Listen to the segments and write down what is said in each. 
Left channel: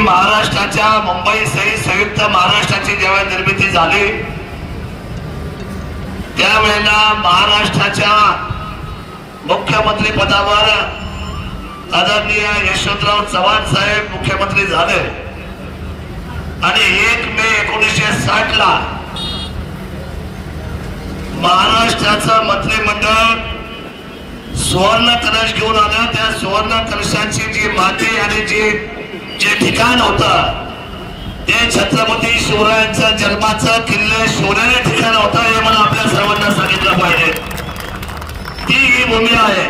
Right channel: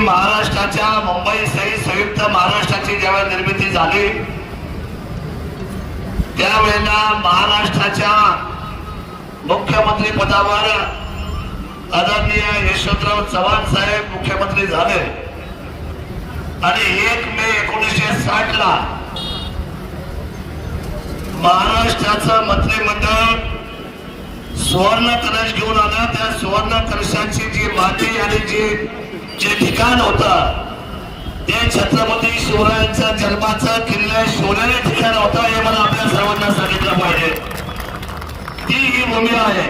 महाराष्ट्राच्या मुंबई सहित संयुक्त महाराष्ट्राची ज्यावेळी निर्मिती झाली त्यावेळेला महाराष्ट्राच्या मुख्यमंत्री पदावर आदरणीय यशवंतराव चव्हाण साहेब मुख्यमंत्री झाले. आणि एक मे एकोणीसशे साठ ला महाराष्ट्राचं मंत्रिमंडळ सुवर्ण कलश घेऊन आलं. त्या सुवर्ण कलशाची जी माती आणि जी जे ठिकाण होत ते छत्रपती शिवरायांच्या जन्माचं किल्ले सोन्याने ठिकाण होतं हे मला आपल्या सर्वांना सांगितलं पाहिजे. ती ही भूमी आहे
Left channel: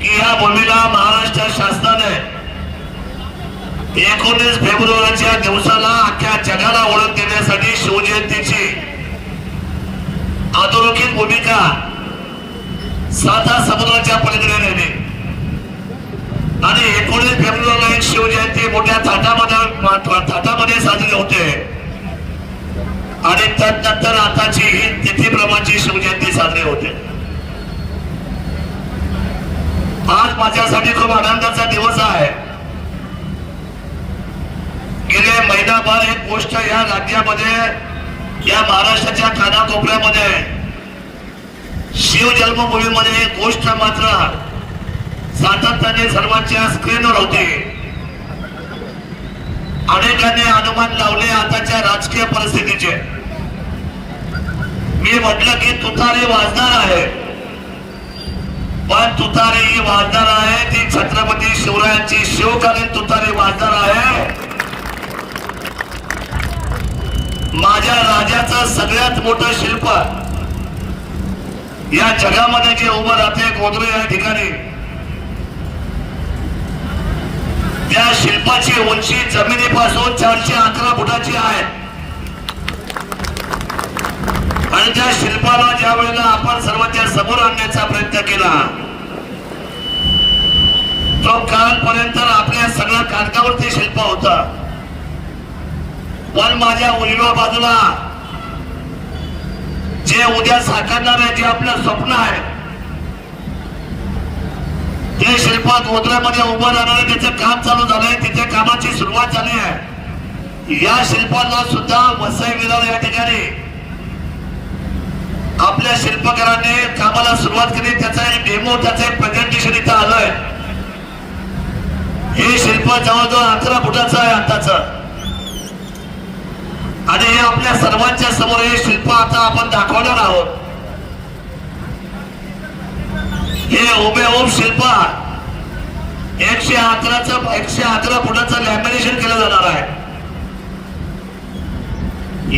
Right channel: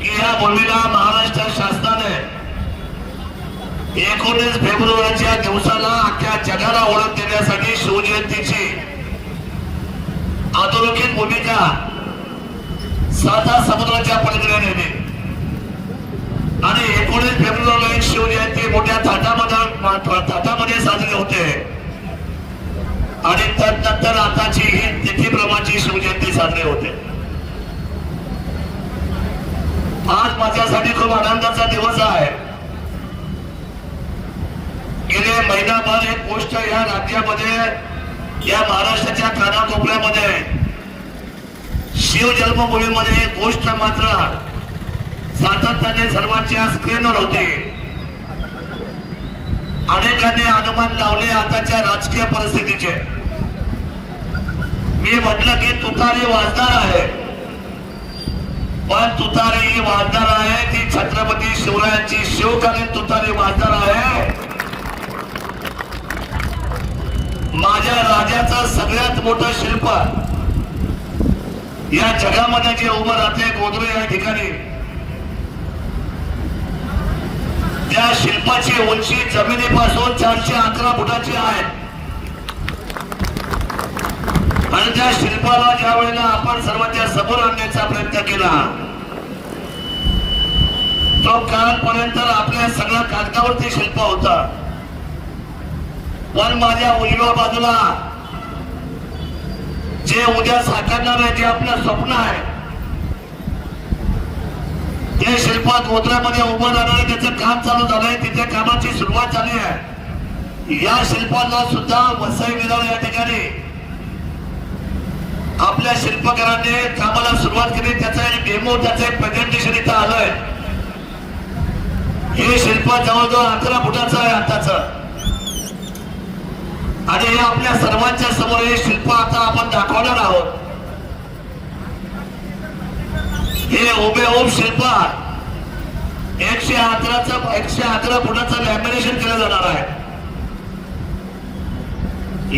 की या भूमीला महाराष्ट्र शासनाने एकोणीस फेब्रुवारीच्या दिवसाला अख्ख्या जगाला ओळख देण्यासाठी शिवजयंतीची अधोरेखित भूमिका साधा समुद्राच्या पलीकडे नेली. आणि एकोणीस फेब्रुवारीला एक शिवजयंती मोठ्या थाटामध्ये थाटामध्ये साजरी होते. आणि त्यानंतर आताची ही तिथीप्रमाणची शिवजयंती साजरी होते. आज माझ्यासाठी खूप आनंदाचा दिवस आहे. गेले महिनाभर एक गोष्ट या राज्यामध्ये या महाराष्ट्राच्या कानाकोपऱ्यामध्ये शिव जन्मभूमीमध्ये एक गोष्ट मात्र सातत्याने सर्वांच्या स्क्रीनवर होते. अनेकांनी अनुमान लावले आताच्या राजकीय परिस्थितीचे. मी म्हटलं की तुतारी वाजणार आहे. पण तुतारी ही वाजणार आहे ती छत्रपती शिवरायांची शिवकालीन तुतारी वाजणार आहे? माझ्या राजाचं सगळ्यात मोठं शिल्प या जगामध्ये जे उभं राहते गोदरे या ठिकाणी. त्या शिल्पाची उंची जमिनीपासून चारशे अकरा फुटाची आहे. आणि त्या शिल्पाला ज्या वेळेला आपण सर्वांच्या समोर आणण्याचा प्रयत्न केला तो कालपर्यंत आपल्या सगळ्या कागदावरती शिल्प होता. पण माझ्या उजव्या बाजूला जे उद्या साकारणार आहे जे आपलं स्वप्न आहे ते शिल्प गोदऱ्यामध्ये उभं राहणार त्याचं काम चालू झालंय तिथे कामाची सुरुवात झाली आहे. या शिल्पाला सुद्धा वसई विधान या ठिकाणी. आपल्या शिल्पकाराने कामाला सुरुवात केली त्याचा एक डेमो त्याचं एक प्रेझेंटेशन इथं आलंय. हे शिल्प जवळजवळ अकरा फुटाचं आहे आताच. आणि हे आपल्या सर्वांच्या समोर हे शिल्प आता आपण दाखवणार आहोत. हे ओबे ओम शिल्प एकशे अकराचा एकशे अकरा फुटाचं लॅमिनेशन केलं जाणार आहे.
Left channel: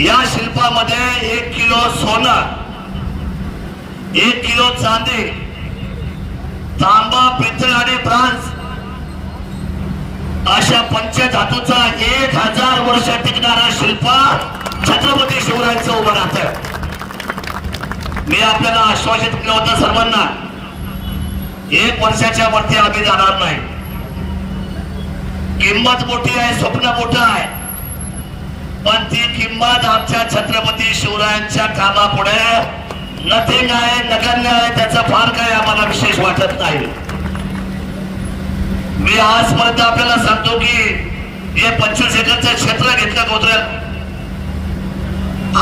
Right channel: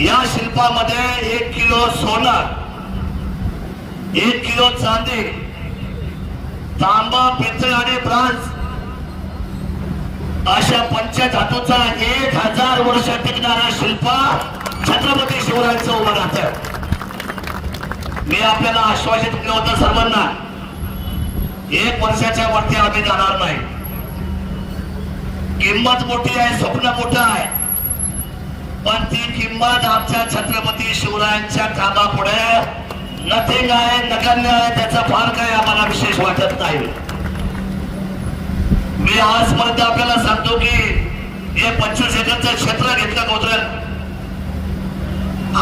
या शिल्पामध्ये एक किलो सोनं एक किलो चांदी तांबा पितळ आणि ब्रांज अशा पंचधातूचा एक हजार वर्ष टिकणारा शिल्प छत्रपती शिवरायांचं उभं राहत मी आपल्याला आश्वासित केलं होतं सर्वांना एक वर्षाच्या वरती आम्ही जाणार नाही. किंमत मोठी आहे स्वप्न मोठं आहे. पण ती किंमत आमच्या छत्रपती शिवरायांच्या कामापुढे नथिंग आहे नगण्य आहे त्याचा फार काही आम्हाला विशेष वाटत नाही. मी आजपर्यंत आपल्याला सांगतो की हे पंचवीस एकरचं क्षेत्र घेतलं गोत्र्यात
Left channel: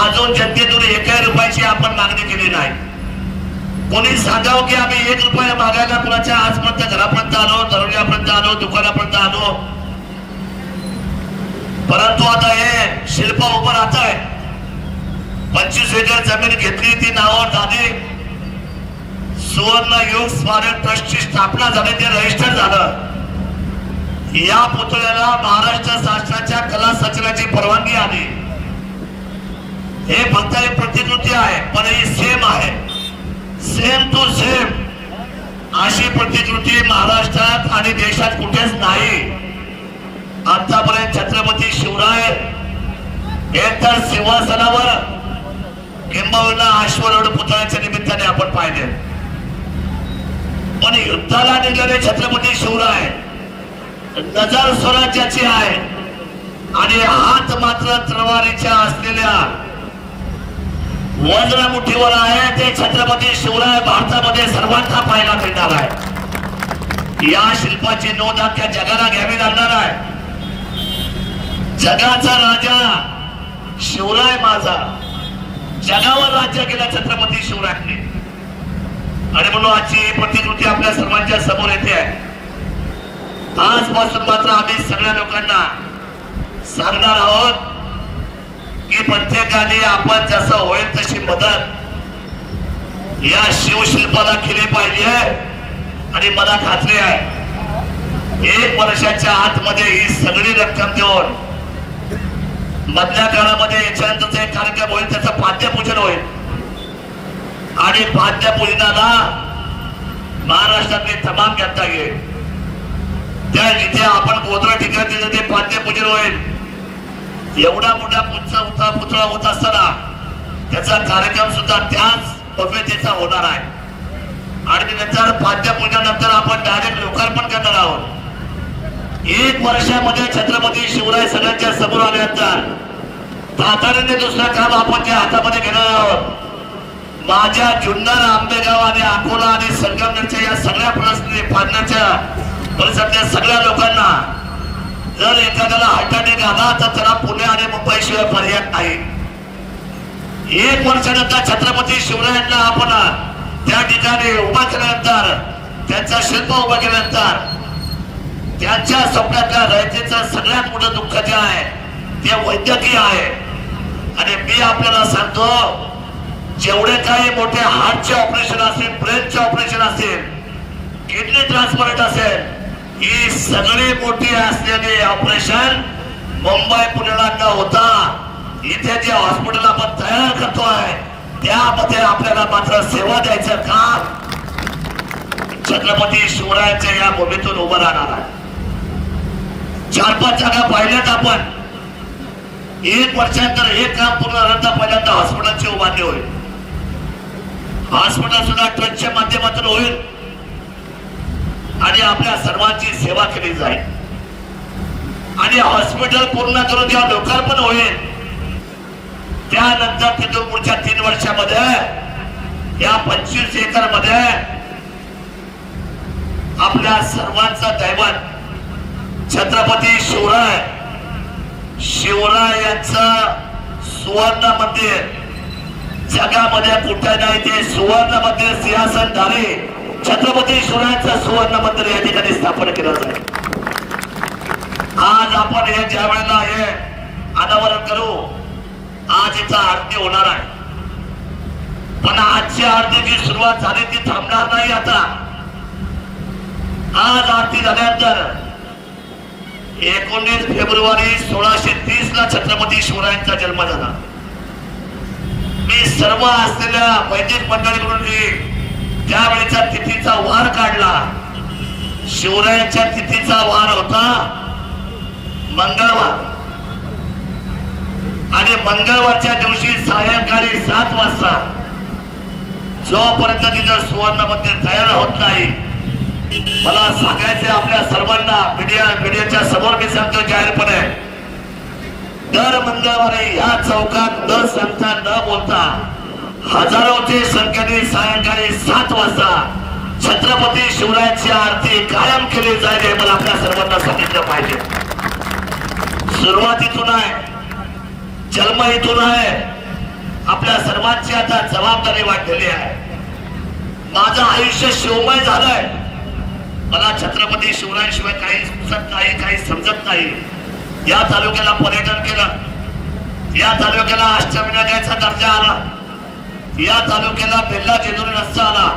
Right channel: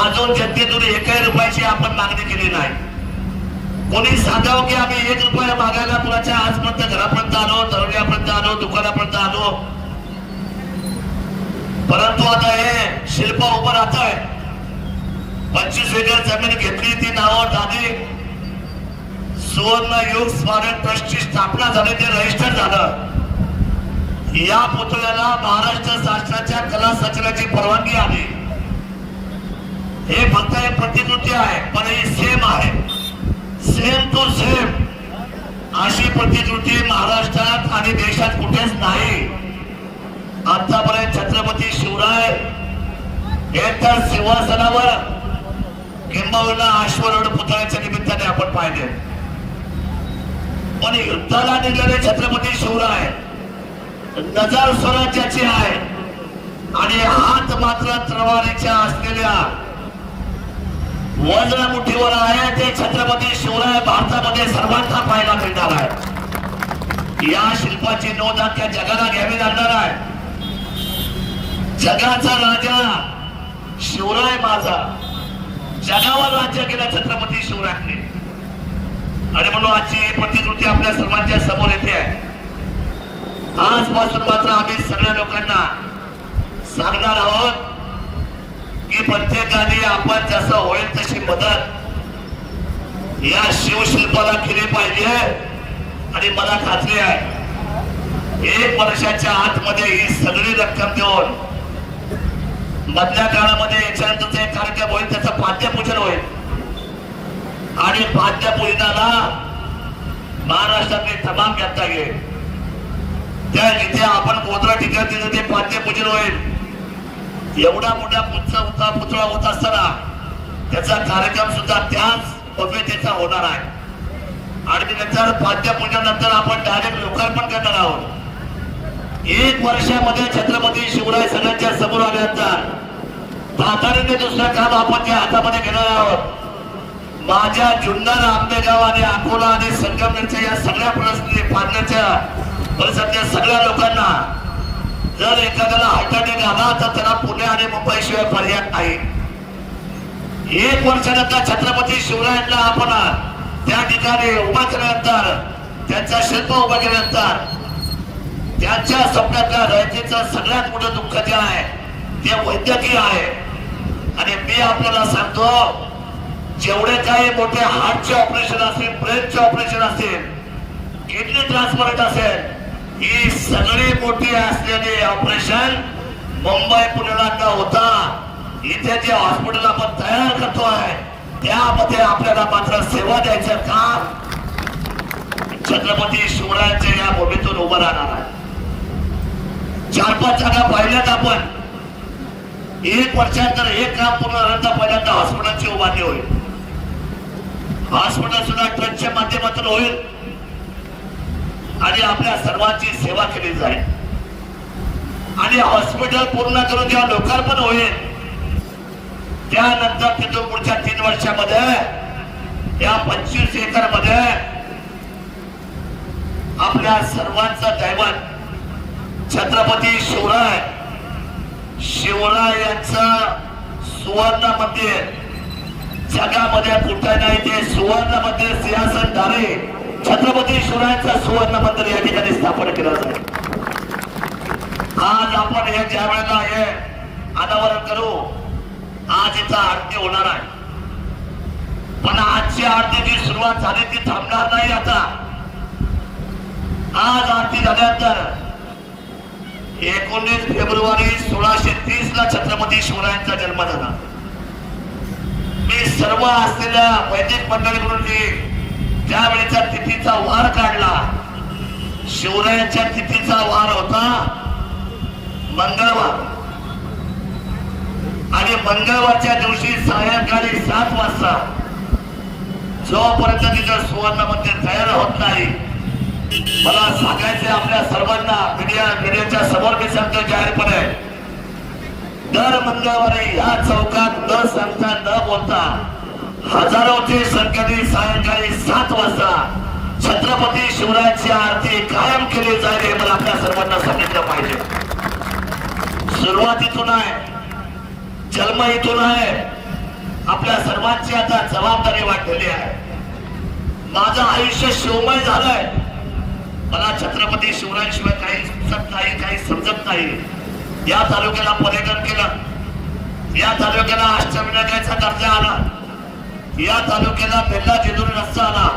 अजून जनतेतून एकाही रुपयाची आपण मागणी केली नाही. कोणी आगाव की आम्ही एक रुपया मागायला कुणाच्या आजपर्यंत घरापर्यंत आलो दरोड्यापर्यंत आलो दुकानापर्यंत आलो. परंतु आता हे शिल्प उभं राहत आहे पंचवीस वेगळ्या जमीन घेतली ती नावावर झाली. सुवर्ण युग स्मारक ट्रस्टची स्थापना झाली ते रजिस्टर झालं. या पुतळ्याला महाराष्ट्र शासनाच्या कला सचनाची परवानगी आली. हे फक्त एक प्रतिकृती आहे पण ही सेम आहे. सेम टू सेम अशी प्रतिकृती महाराष्ट्रात आणि देशात कुठेच नाही. आतापर्यंत छत्रपती शिवराय एकतर सिंहासनावर किंबहुना अश्वरोड पुतळ्याच्या निमित्ताने आपण पाहिले. पण युद्धाला निघाले छत्रपती शिवराय नजर स्वराज्याची आहे. आणि हात मात्र त्रवारीच्या असलेल्या वजला मुठीवर आहे ते छत्रपती शिवराय भारतामध्ये सर्वांना पाहायला मिळणार आहे. या शिल्पाची नोंद अख्ख्या जगाला घ्यावी लागणार आहे. जगाचा राजा शिवराय माझा. जगावर राज्य केलं छत्रपती शिवरायांनी. आणि म्हणून आजची प्रतिकृती आपल्या सर्वांच्या समोर येते आहे. आजपासून मात्र आम्ही सगळ्या लोकांना सांगणार आहोत की प्रत्येकाने आपण जसं होईल तशी मदत या शिवशिल्पाला केली पाहिजे. आणि मला खात्री आहे एक वर्षाच्या आतमध्ये ही सगळी रक्कम देऊन मधल्या काळामध्ये याच्यानंतरचा एक कार्यक्रम होईल त्याचं पाद्यपूजन होईल. आणि पाद्यपूजनाला महाराष्ट्रातली तमाम जनता घेईल त्या जिथे आपण गोत्रा ठिकाणी तिथे ते पाद्यपूजन होईल. एवढा मोठा पुतळा पुतळा होत असताना त्याचा कार्यक्रम सुद्धा त्याच भव्यतेचा होणार आहे. आणि नंतर पाद्यपूजनानंतर आपण डायरेक्ट लोकार्पण करणार आहोत. एक वर्षामध्ये छत्रपती शिवराय सगळ्यांच्या समोर आल्यानंतर तातडीने दुसरं काम आपण त्या हातामध्ये घेणार आहोत. माझ्या जुन्नर आंबेगाव आणि अकोला आणि संगमनेरच्या या सगळ्या परिस्थिती पाडण्याच्या परिसरातल्या सगळ्या लोकांना जर एखाद्याला हाताने अटॅक तर त्याला पुणे आणि मुंबई शिवाय पर्याय नाही. एक वर्षानंतर छत्रपती शिवरायांना आपण त्या ठिकाणी उभा केल्यानंतर त्यांचा शिल्प उभा केल्यानंतर त्यांच्या स्वप्नातल्या रयतेचं सगळ्यात मोठं दुःख जे आहे ते वैद्यकीय आहे. आणि मी आपल्याला सांगतो जेवढे काही मोठे हार्टचे ऑपरेशन असेल ब्रेनचे ऑपरेशन असेल किडनी ट्रान्सप्लांट असेल ही सगळी मोठी असलेली ऑपरेशन मुंबई पुण्याला होता. इथे जे हॉस्पिटल आपण तयार करतोय त्यामध्ये आपल्याला मात्र सेवा द्यायचं काम छत्रपती शिवरायांच्या या भूमीतून उभं राहणार आहे चार पाच जागा पाहिल्यात आपण. एक वर्षानंतर एक काम पूर्ण झाल्यानंतर पहिल्यांदा हॉस्पिटलची उभारणी होईल. हॉस्पिटल सुद्धा ट्रस्टच्या माध्यमातून होईल. आणि आपल्या सर्वांची सेवा केली जाईल. आणि हॉस्पिटल पूर्ण करून जेव्हा लोकार्पण होईल त्यानंतर तिथून पुढच्या तीन वर्षामध्ये या पंचवीस एकरमध्ये आपल्या सर्वांचं दैवत छत्रपती शिवराय शिवराय यांचं सुवर्ण मंदिर जगामध्ये कुठे नाही ते सुवर्ण मंदिर सिंहासनधारी छत्रपती शिवरायांचा सुवर्ण मंदिर या ठिकाणी स्थापन केलं जाईल आज आपण हे ज्या वेळेला हे अनावरण करू आज इथं आरती होणार आहे. पण आजची आरती जी सुरुवात झाली ती थांबणार नाही आता. आज आरती झाल्यानंतर एकोणीस फेब्रुवारी सोळाशे तीस ला छत्रपती शिवरायांचा जन्म झाला. मी सर्व असलेल्या वैदिक मंडळी म्हणून त्यावेळेच्या तिथीचा वार काढला शिवरायांच्या तिथीचा वार होता मंगळवार. आणि मंगळवारच्या दिवशी सायंकाळी सात वाजता जोपर्यंत तिथं सुवर्ण तयार होत नाही मला सांगायचं आपल्या सर्वांना मीडिया मीडियाच्या समोर मी सांगतो जाहीरपणे दर मंगळवारी या चौकात न सांगता न बोलता हजारोचे संख्येने सायंकाळी सात वाजता छत्रपती शिवरायांची आरती कायम केली जाईल हे मला आपल्या सर्वांना सांगितलं पाहिजे. सुरुवातीतून आहे. जन्म इथून आहे. आपल्या सर्वांची आता जबाबदारी वाढलेली आहे. माझं आयुष्य शिवमय झालंय. मला छत्रपती शिवरायांशिवाय काही सुचत नाही काही समजत नाही. या तालुक्याला पर्यटन केलं. या तालुक्याला अष्टविनायकाचा दर्जा आला. या तालुक्याला बेल्ला जेजुरी रस्ता आला.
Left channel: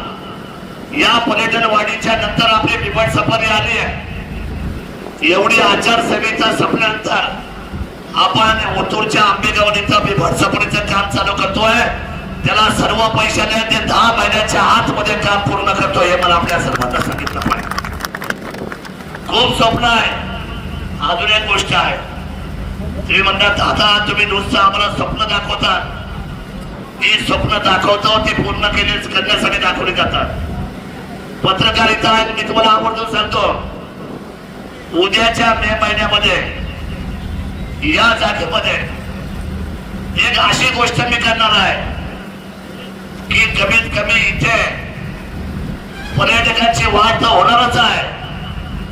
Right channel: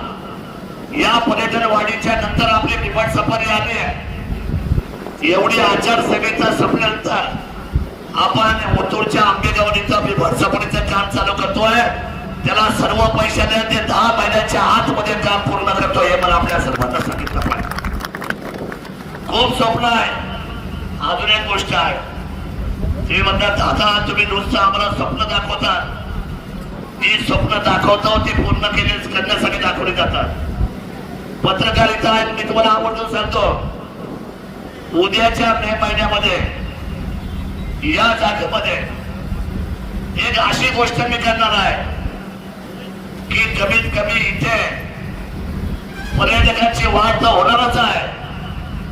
या पर्यटन वाढीच्या नंतर आपली बिबट सफारी आली आहे. एवढी आचारसंहिता संपल्यानंतर आपण ओतूरच्या आंबेगावणीचा इथं बिबट सफारीचं काम चालू करतोय. त्याला सर्व पैशाने ते दहा महिन्याच्या आतमध्ये काम पूर्ण करतोय हे मला आपल्या सर्वांना सांगितलं पाहिजे. खूप स्वप्न आहे. अजून एक गोष्ट आहे. तुम्ही म्हणतात दादा तुम्ही नुसतं आम्हाला स्वप्न दाखवता मी स्वप्न दाखवतो ते पूर्ण केले करण्यासाठी दाखवले जातात. पत्रकारिता मी तुम्हाला आवर्जून सांगतो. उद्याच्या मे महिन्यामध्ये या जागेमध्ये एक अशी गोष्ट मी करणार आहे की कमीत कमी इथे पर्यटकांची वाढ तर होणारच आहे.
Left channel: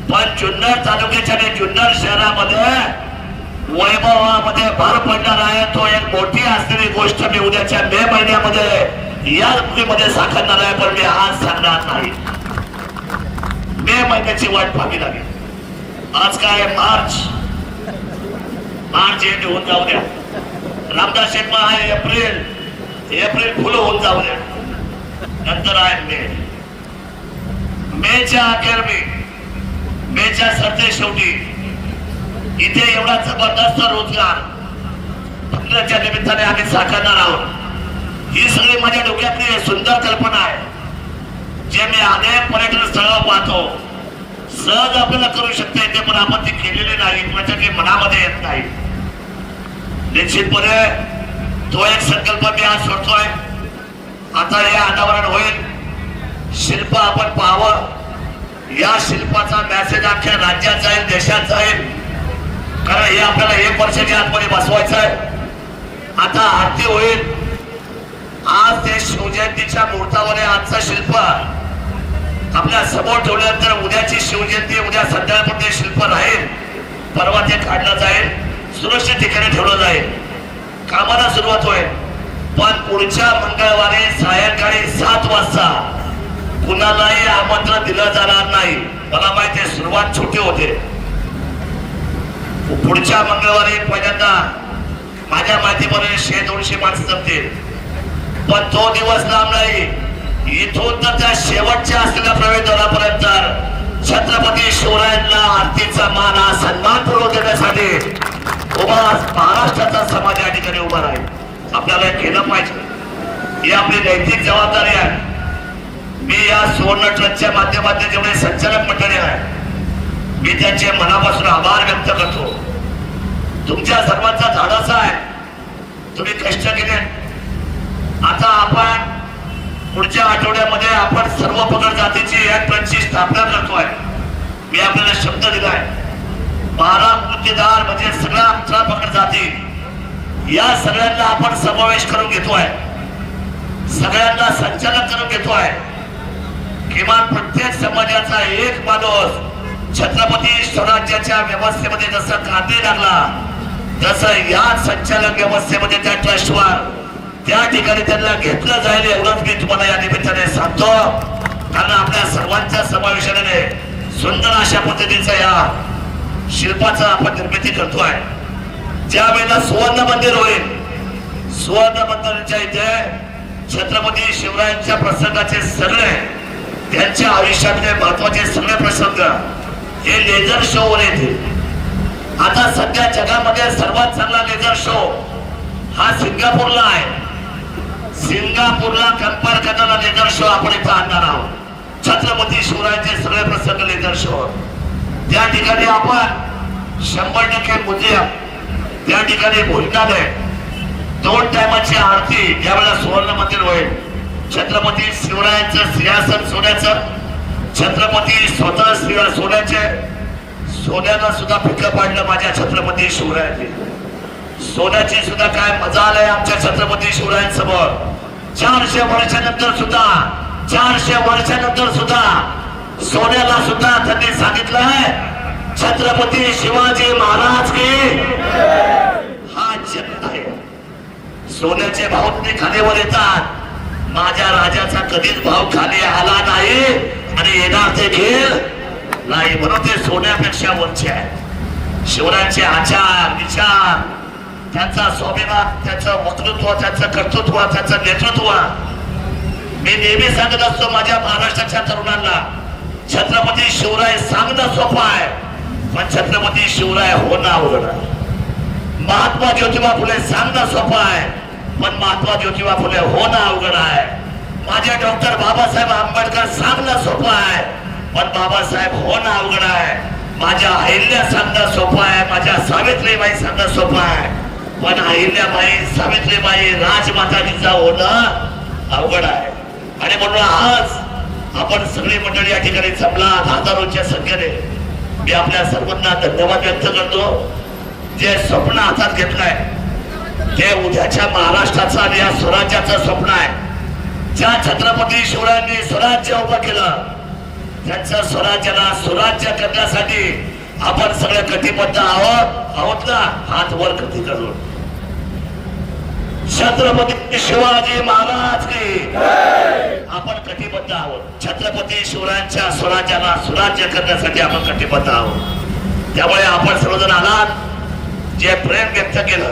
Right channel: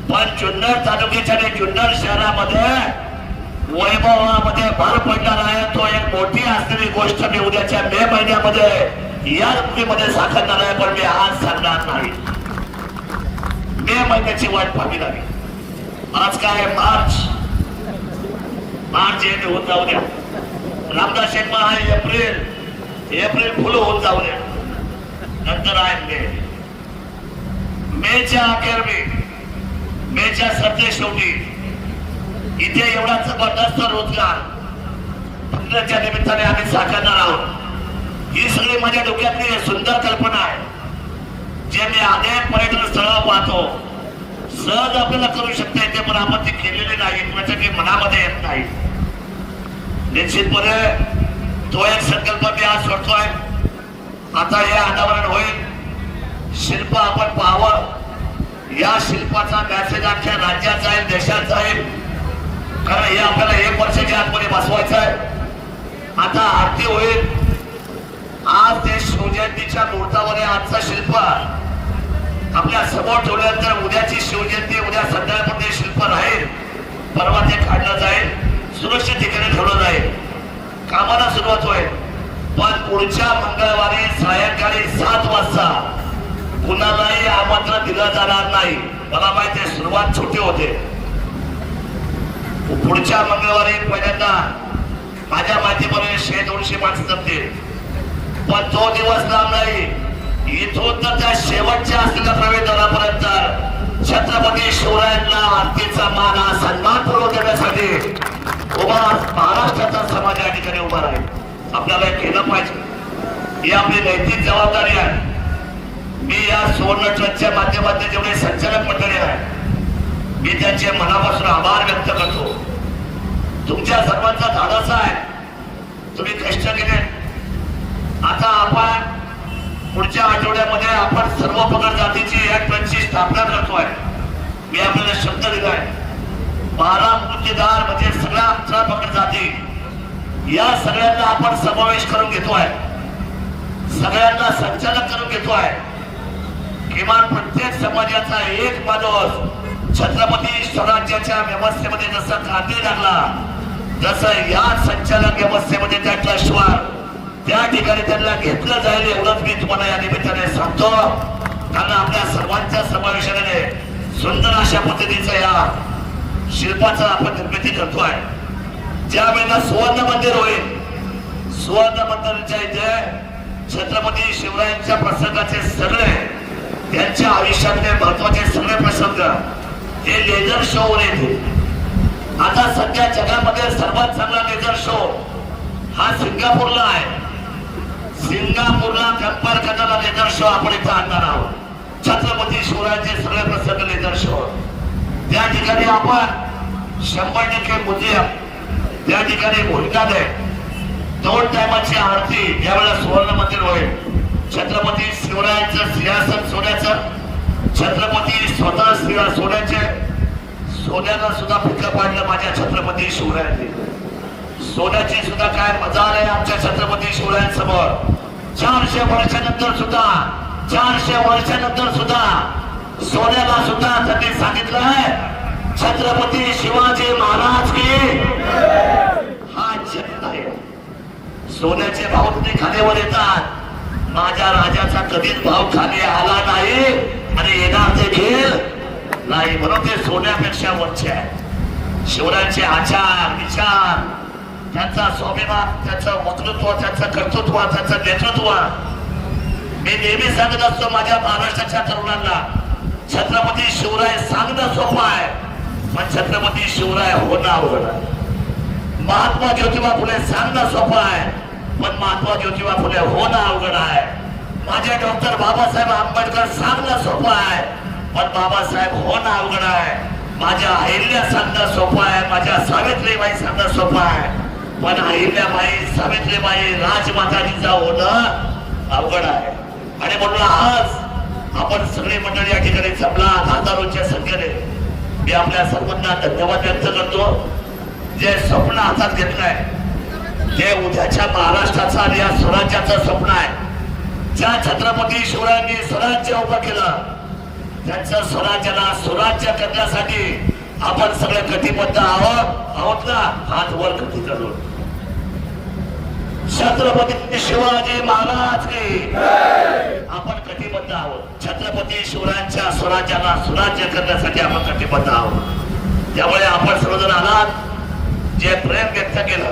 पण जुन्नर तालुक्याच्या आणि जुन्नर शहरामध्ये वैभवामध्ये भर पडणार आहे. तो एक मोठी असलेली गोष्ट मी उद्याच्या मे महिन्यामध्ये या ऋतूमध्ये साकारणार आहे पण मी आज सांगणार नाही. मे महिन्याची वाट पाहावी लागेल. आज काय मार्च? मार्च एंड होऊन जाऊ द्या. रामदास शर्मा आहे एप्रिल. एप्रिल फुलं होऊन जाऊ द्या. नंतर आहे मे. मेच्या अखेर मे. मेच्या सरते शेवटी इथे एवढा जबरदस्त रोजगार फंडाच्या निमित्ताने आम्ही साकारणार आहोत. ही सगळी माझ्या डोक्यातली सुंदर कल्पना आहे. जे मी अनेक पर्यटन स्थळ पाहतो सहज आपल्याला करू शकते ते पण आपण ती केलेली नाही म्हणजे किंवा ती मनामध्ये येत नाही. निश्चितपणे तो एक संकल्प मी आज करतोय. आता हे अनावरण होईल. शिल्प आपण पाहावं. या शिल्पाचा मॅसेज अख्ख्या राज्यात जाईल कारण हे आपल्याला एक वर्षाच्या आतमध्ये बसवायचं आहे. आता आरती होईल. आज ते शिवजयंतीच्या मुहूर्तावर आजचा शिल्प. आपल्यासमोर ठेवल्यानंतर उद्याची शिवजयंती उद्या संध्याकाळपर्यंत ते शिल्प राहील. परवा ते काढलं जाईल. सुरक्षित ठिकाणी ठेवलं जाईल. कामाला सुरुवात होईल. पण पुढच्या मंगळवारी सायंकाळी सात वाजता कुणालाही आमंत्रण दिलं जाणार नाही. मला माहिती आहे सुरुवात छोटी होते. पुढच्या मंगळवारी पहिल्यांदा माझ्या माहितीप्रमाणे शे दोनशे माणसं जमतील. पण तो दिवस लांब नाही. इथून तर त्या शेवटच्या असलेल्या प्रवेशद्वारापर्यंत छत्रपती शिवरायांना आरतीचा मान हा सन्मानपूर्वक देण्यासाठी उभा महाराष्ट्राचा समाज या ठिकाणी उभा आहे आपल्याला केलं पाहिजे. ही आपली नैतिक जबाबदारी आहे. मी या सुवर्ण ट्रस्टच्या माध्यमातून जेवढे संचालक मंडळी आहे मी त्यांचे मनापासून आभार व्यक्त करतो. तुमच्या सर्वांचा धाडस आहे. तुम्ही कष्ट केले. आता आपण पुढच्या आठवड्यामध्ये आपण सर्व पगार जातीची एक ट्रस्टची स्थापना करतोय. मी आपल्याला शब्द दिलाय. बारा मुद्देदार म्हणजे सगळ्या अठरा पकड जाती. या सगळ्यांना आपण समावेश करून घेतोय. सगळ्यांना संचालन करून घेतोय. किमान प्रत्येक समाजाचा एक माणूस छत्रपती स्वराज्याच्या व्यवस्थेमध्ये जसं कांदे लागला तसं या संचालक व्यवस्थेमध्ये त्या ट्रस्टवर त्या ठिकाणी त्यांना घेतलं जाईल एवढंच मी तुम्हाला या निमित्ताने सांगतो. कारण आपल्या सर्वांच्या समावेशाने सुंदर अशा पद्धतीचं या शिल्पाचं आपण निर्मिती करतोय ज्या वेळेला सुवर्ण मंदिर होईल सुवर्ण मंदिराच्या इथे छत्रपती शिवरायांच्या प्रसंगाचे सगळे त्यांच्या आयुष्यातले महत्त्वाचे सगळे प्रसंग हे लेझर शो वर येतील. आता सध्या जगामध्ये सर्वात चांगला लेझर शो हा सिंगापूरला आहे. सिंगापूरला कंपेअर करणारा लेझर शो आपण इथं आणणार आहोत. छत्रपती शिवरायांचे सगळे प्रसंग लेझर शो त्या ठिकाणी आपण शंभर टक्के म्युझियम त्या ठिकाणी भोजनालय दोन टायमाची आरती यावेळेला सुवर्ण मंदिर होईल. छत्रपती शिवरायांचं सिंहासन सोन्याचं छत्रपती स्वतः श्रीला सोन्याचे सोन्यानं सुद्धा फिकं पाडलं माझ्या छत्रपती शिवरायांनी. सोन्याची सुद्धा काय मजा आलाय आमच्या छत्रपती शिवरायांसमोर. चारशे वर्षानंतर सुद्धा चारशे वर्षानंतर सुद्धा सोन्याला सुद्धा त्यांनी सांगितलंय छत्रपती शिवाजी महाराज की हा जगत आहे. सोन्याचे भाव तुम्ही खालीवर येतात. माझ्या राजाचा कधीच भाव खाली आला नाही. आणि येणार ते नाही म्हणून ते सोन्यापेक्षा वरचे आहे शिवरायांचे आचार विचार त्यांचा स्वाभिमान त्याचं वक्तृत्व त्याचं कर्तृत्व त्याचं नेतृत्व. मी नेहमी सांगत असतो माझ्या महाराष्ट्राच्या तरुणांना छत्रपती शिवराय सांगणं सोपं आहे पण छत्रपती शिवराय होणं अवघड आहे महात्मा ज्योतिबा फुले सांगणं सोपं आहे पण महात्मा ज्योतिबा फुले होणं अवघड आहे. माझे डॉक्टर बाबासाहेब आंबेडकर सांगणं सोपं आहे. पण बाबासाहेब होणं अवघड आहे. माझ्या अहिल्या सांगणं सोपं आहे. माझ्या सावित्रीबाई सांगणं सोपं आहे. पण अहिल्याबाई सावित्रीबाई राजमाताजीचा होणं अवघड आहे. आणि म्हणून आज आपण सगळी मंडळी या ठिकाणी जमला. हजारोच्या संख्येने मी आपल्या सर्वांना धन्यवाद व्यक्त करतो. जे स्वप्न हातात घेतलंय ते उद्याच्या महाराष्ट्राचं आणि या स्वराज्याचं स्वप्न आहे. ज्या छत्रपती शिवरायांनी स्वराज्य उभं केलं त्यांच्या स्वराज्याला स्वराज्य करण्यासाठी आपण सगळे कटिबद्ध आहोत. आहोत ना हात वर कधी करून. छत्रपती शिवाजी महाराज की. आपण कटिबद्ध आहोत. छत्रपती शिवरायांच्या स्वराज्याला स्वराज्य करण्यासाठी आपण कटिबद्ध आहोत. त्यामुळे आपण सर्वजण आलात. जे प्रेम व्यक्त केलं.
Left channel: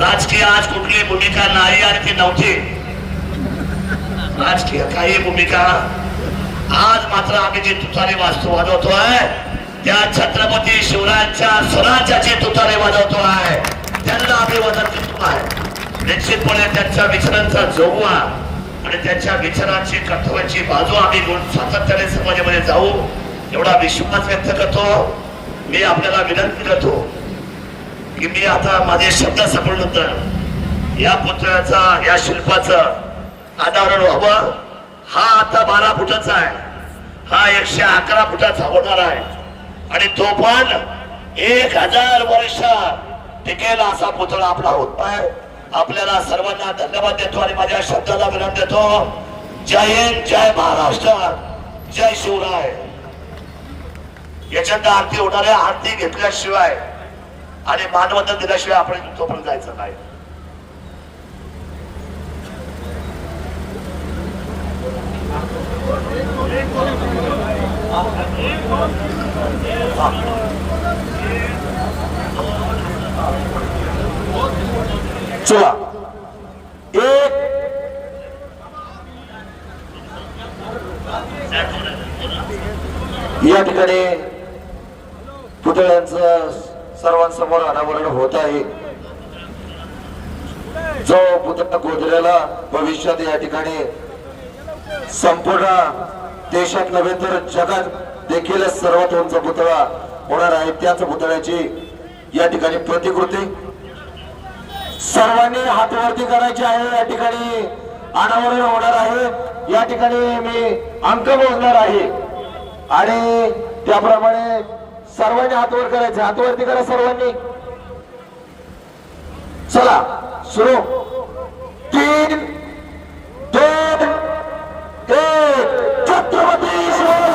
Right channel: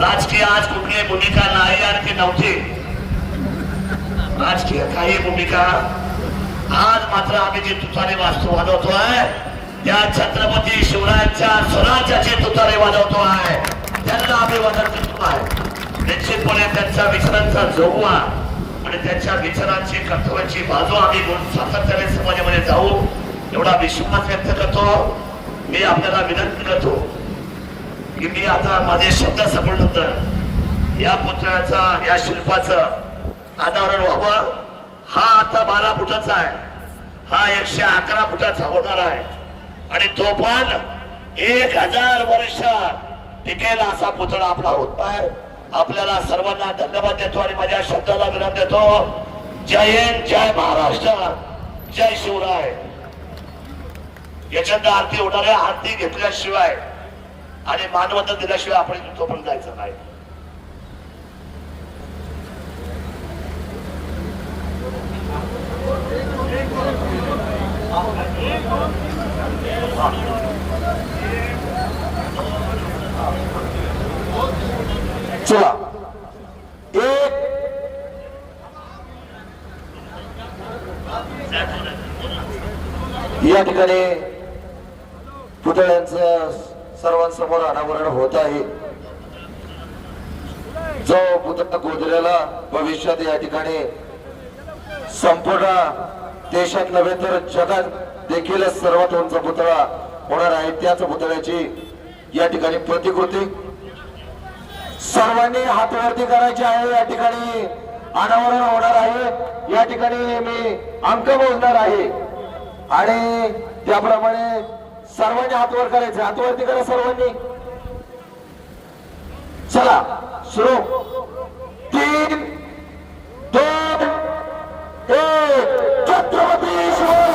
राजकीय आज कुठली भूमिका नाही आणि ती नव्हती. राजकीय काही भूमिका आज मात्र आम्ही जे वाजतो वाजवतो वाजवतोय त्या छत्रपती शिवरायांच्या स्वराज्याचे तुतारे वाजवतो वाजवतोय त्यांना अभिवादन करतो आहे. निश्चितपणे त्यांच्या विचारांचा जोगवा आणि त्यांच्या विचारांची कर्तव्याची बाजू आम्ही सातत्याने समाजामध्ये जाऊ एवढा विश्वास व्यक्त करतो. मी आपल्याला विनंती करतो की मी आता माझे शब्द संपल्यानंतर या पुतळ्याचा या शिल्पाचं अनावरण व्हावं. हा आता बारा फुटाचा आहे. हा एकशे अकरा फुटाचा होणार आहे. आणि तो पण एक हजार वर्ष टिकेल असा पुतळा आपला होत आहे. आपल्याला सर्वांना धन्यवाद देतो आणि माझ्या शब्दाला विनंती देतो. जय हिंद जय महाराष्ट्र जय शिवराय. याच्यात आरती होणार आहे. आरती घेतल्याशिवाय आणि मानवता दिल्याशिवाय आपण तो पण जायचं नाही. चला. एक. या ठिकाणी पुतळ्यांचं सर्वांसमोर अनावरण होत आहे. जो पुतळा गोदऱ्याला भविष्यात या ठिकाणी संपूर्ण देशात नव्हे तर जगात देखील सर्वात उंच पुतळा होणार आहे. त्याच पुतळ्याची या ठिकाणी प्रतिकृती. सर्वांनी हातवरती करायची आहे. या ठिकाणी अनावरण होणार आहे. या ठिकाणी मी अंक मोजणार आहे. आणि त्याप्रमाणे सर्वांनी हातवर करायचे. हातवरती करा सर्वांनी. चला सुरू. तीन एक छत्रपती